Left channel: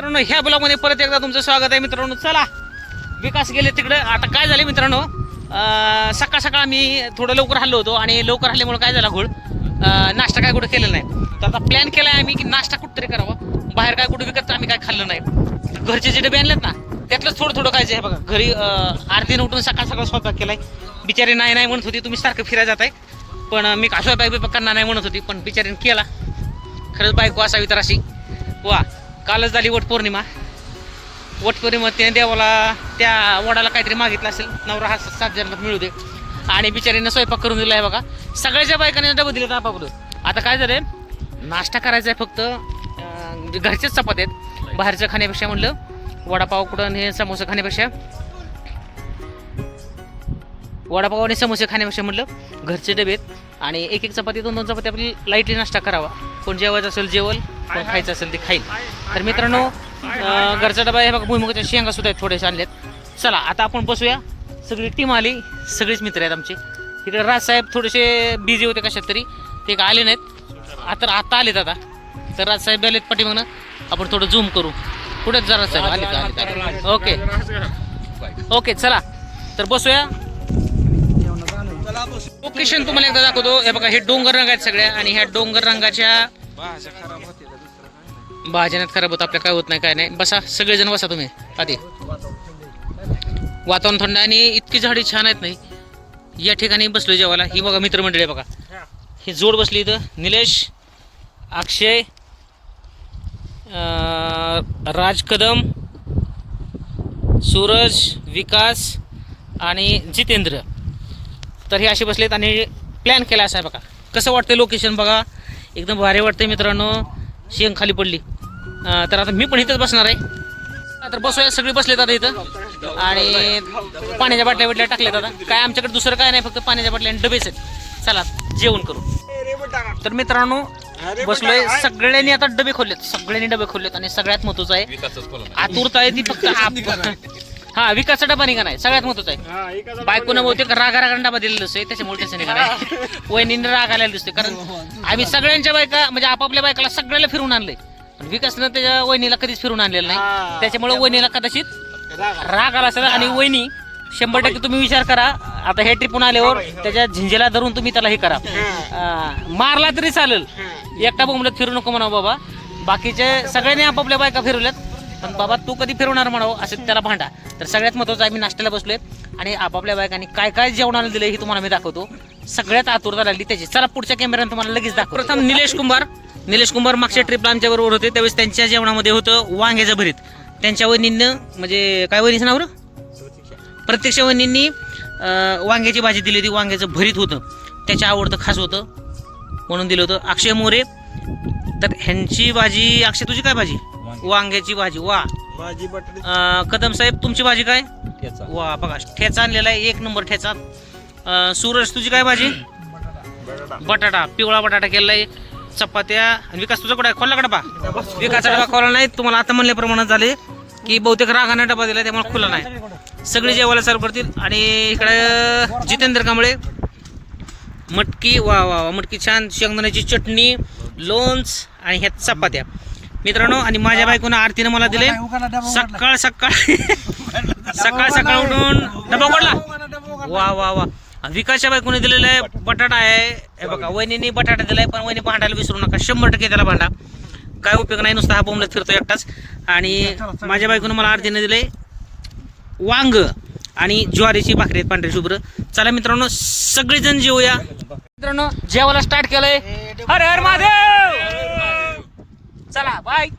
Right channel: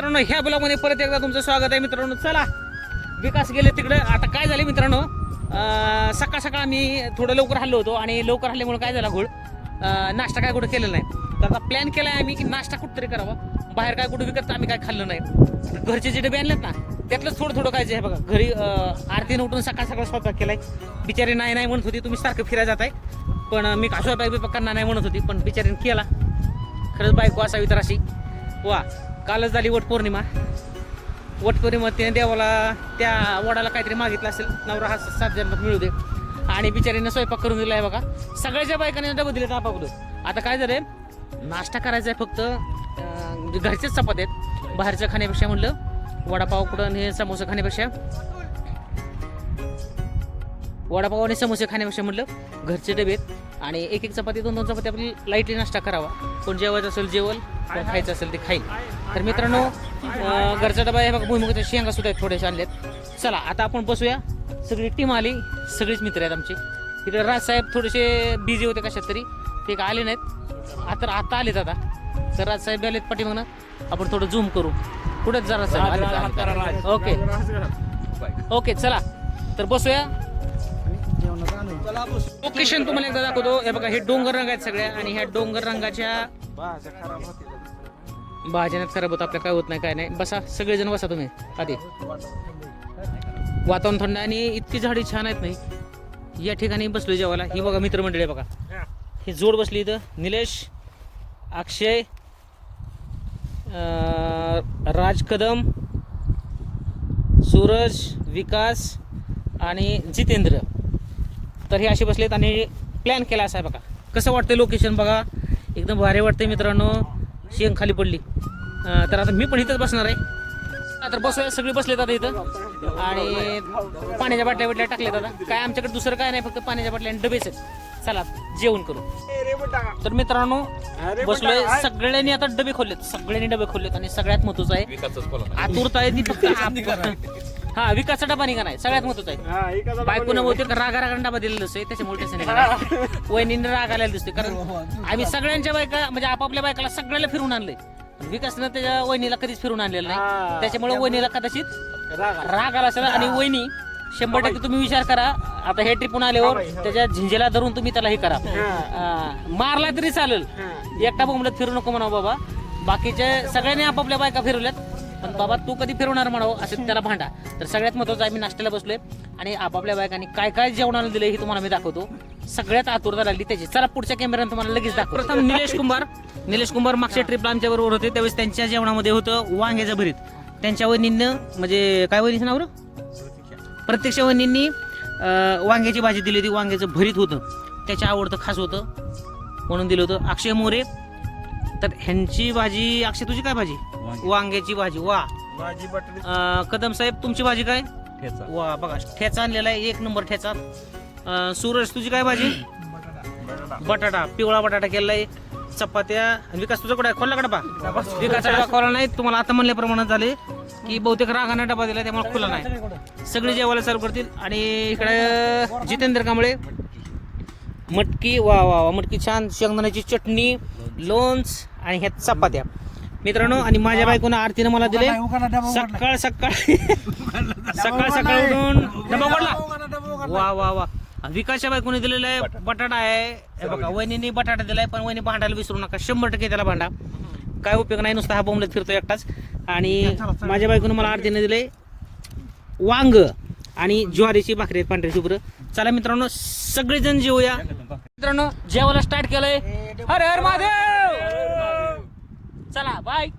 मित्रांनो ह्या ब्लॉगमध्ये परत एकदा तुमचं स्वागत आहे. मित्रांनो चला. विकास गेले तिकडे. आता काय झाले मित्रांनो? सकाळ सकाळ आम्ही थोडं लवकर हल्लो होतो आणि लवकर हल्ल्यामुळे काय झाला घोळ? नाश्ता काय कुठं केलेला नाही. तर आता प्लॅन केला आहे आम्ही की नाश्ता कुठंतरी करावा. बाहेर काय कुठं विकत आम्ही काय खाल्लं नाही. तर घरचे जे डबे आणलेत ना त्यातलंच थोडं थोडं खायचं आहे बघा. घरी आरतीनं उठून सकाळ सकाळ स्वयंपाक केलाय. बिचारी नाही नाही म्हणत होती तुम्ही सारखं फिरायला जाताय. पण मी का स्वयंपाक बिपाक करणार नाही म्हणत होती पण बिचारीने केला. खरंच बायको असावी तर अशी. वा. कालच झाली वटपौर्णिमा वटपौर्णिमा त्याने देवाला त्या वडाला काहीतरी मागितलं असेल नवरा हा सात जन्मात मिळू दे. आणि बिचारीनं स्वयंपाक करून दिला आहे बघा सगळ्याच्या बायकाने डबं दिले आपाकडून आता काय झालं नाश्ता करायचा आहे फक्त म्हणजे घरचेच चपात आहेत. बाहेरचं खाण्यापेक्षा म्हणलं वडापाव कुठं हे समोसा खाण्यापेक्षा. वडापाव आणि समोसे खाण्यापेक्षा म्हटलं घरचे डबे आहेत. आणि एक एक चपाती दोन दोन चपाती आपली लाईटली नाश्ता करावा. कोण जेवायचं असेल जेवल. कोण खायचं असेल ते खाईल. तर मित्रांनो गरजा घरचा डबा हे बघा भुईमुगाच्या शेंगा सुद्धा आहेत थोडेसे आहेत चला आता आपण बसूया. सगळी टीम आली सगळीच मित्र आहेत आमचे. तिकडे राजसाहेब थोडेसे बिझी होते कशात तरी. ते काय आले नाहीत? आता आता आलेत आता. तर राजसाहेब आलेत पाठीमागनं. आपण थोडं झूम करू. कुठेच जा राजसाहेब आले आले ओके ओके चला. तर बसूया. लोकेशन तुम्हाला एकदा दाखवतो. हे बघा हे डोंगर रंग आहेत सगळ्या. आणि ह्या डोंगर रंगाच्या भाजण्यात खराब होत आपल्या काय होत नाही काय नाही. बसा सगळेजण बसा तुम्ही आधी. वातावरण थंड आणि इतकी झाडी छान आहेत नाही. या ठिकाणी बसलो जेवायला. ही बघा मित्रमंडळी बघा. ही जोड बसली इथं. निलेश अक्षय राज कदम सूरज विकास आणि जितेंद्र. तर हे असे बसलेत आणि प्लॅन केला असा आहे बघा. कसं वाटतं लोकेशन बघा? एकदम भारी वाटतंय मित्रांनो. शेंग खाली पडली. तर आता मी पण इथंच बसणार आहे. तर बसूया सगळे बसले आता इथं. आणि पाण्याच्या बाटल्या बिटल्या टाकल्या आता. काय आमच्याकडे दुसरं काय नाही फक्त पाण्याच्या बाटल्या आणि डबेच आहेत. चला जेवण करू. तर मित्रांनो बसलोय. सगळ्यांनी आता डबे खोललेत. सगळ्यांनी डबे खोललेत आणि सगळ्यात महत्वाचं आहे आतुरता आहे ती फक्त आप- हा विकासचा डबा निघा नाही सगळ्यात महत्वाचं आहे. बायकोनं बहुतेक रागा रागा डबा दिलेला दिसतोय त्याच्यामुळे त्याचं निघा नाही वहिनीने राग आलेला दिसतोय कारण आम्ही सगळ्यांच्या बायका म्हणजे आपापल्या बायकाला सगळ्याला फिरून आणलंय. पण विकासनं त्याच्या वहिनीला कधीच फिरून आणलेलं नाही. त्याच्यामुळे वहिनीला कदाचित राग आला. असेल आणि वहिनी शंभर टक्के तुम्ही विचार करा. आता हे ट्रिपून आल्यावर त्याच्या झिंजेला धरून तुम्ही त्याला हे करा. अं, मारला तरी चालेल. एकटा बोंबलत फिरू नको म्हणा बाबा. बाकीचे सगळ्यांनी आपापल्या बायका फिरवल्यात. पण बाबा तू कधी फिरवणार म्हणावं? असं त्याला भांडा. तर सगळ्यात महत्वाचं आम्ही नाश्त्याला बसलोय आणि आपापल्या बायकांनी काय काय जेवणाला दिलं हे तुम्हाला मी दाखवतो. सगळ्यात आतुरता लागली त्याची. चला पुढच्या कॅमेऱ्यानं तुम्हाला लगेच दाखव प्रथम निलेश कुंभार. निलेश कुंभार मागच्या ट्रिपला आमच्या बरोबर होते. त्यावेळेस त्यांच्या जेवणामध्ये होतं वांग्याचं भरीत. त्यांच्या वहिनीनं म्हणजे काय वहिनीचं नाव प्रत्यक्ष वहिनींनी वांग्याची भाजी दिली होती. वांग्याचं भरीत होतं. त्याच्या आवडतं खास होतं. म्हणून दिलं होतं. अक्षय मोरे. तर ह्यांची भाजी अक्षय तुझी काय भाजी? वांग्याची भाजी वा. भाजी बटाटे. अं, कदम साहेब तुमची भाजी काय? वा बघा ठेचा आणलेला आहे एक नंबर ठेचा. अं, सूरज तुझी काय भाजी? बटाटा. पिवळा बटाटा केलेला आहे. चपात्या. आणि विकास तुझा कुठे खोलला का डबा? विकासचा डबा खोला नाही. तुम्हाला आता म्हणल्याप्रमाणे झाले की बहुतेक रागाने डबा दिला त्यामुळे खुला नाही. सगळे जेवायला चालू करतील. आणि इकडे जितेंद्र कांबळे. मटकी वा वा वा मटकी छान. शेंगदाण्याची चटणी लोणच आणि ह्या चपात्या. मित्रांनो आणि माझ्या बायकोनं आरतीनं मला दिले. सकाळ सकाळ. सकाळ सकाळ उठून डबा पडला वा वा वा. विकासच्या बायकोने दिलेला आहे बटाटा. आहे. हे बघा वहिनीने बटाटा दिलाय पण वहिनी भांडायला विसरू नका. शंभर टक्के त्याला भांडा. काय उपयोग नाही नुसता हा बोंबलत फिरतो एकटाच. आणि माझ्या बायकोनं मला आरतीने दिले वांग आणि ज्वारीची भाकरी आहेत पांढरी शुभ्र. चला मित्रांनो सगळेजण जेवूया मित्रांनो जेवायला स्टार्ट केलंय. हर हर महादेव! चला बाय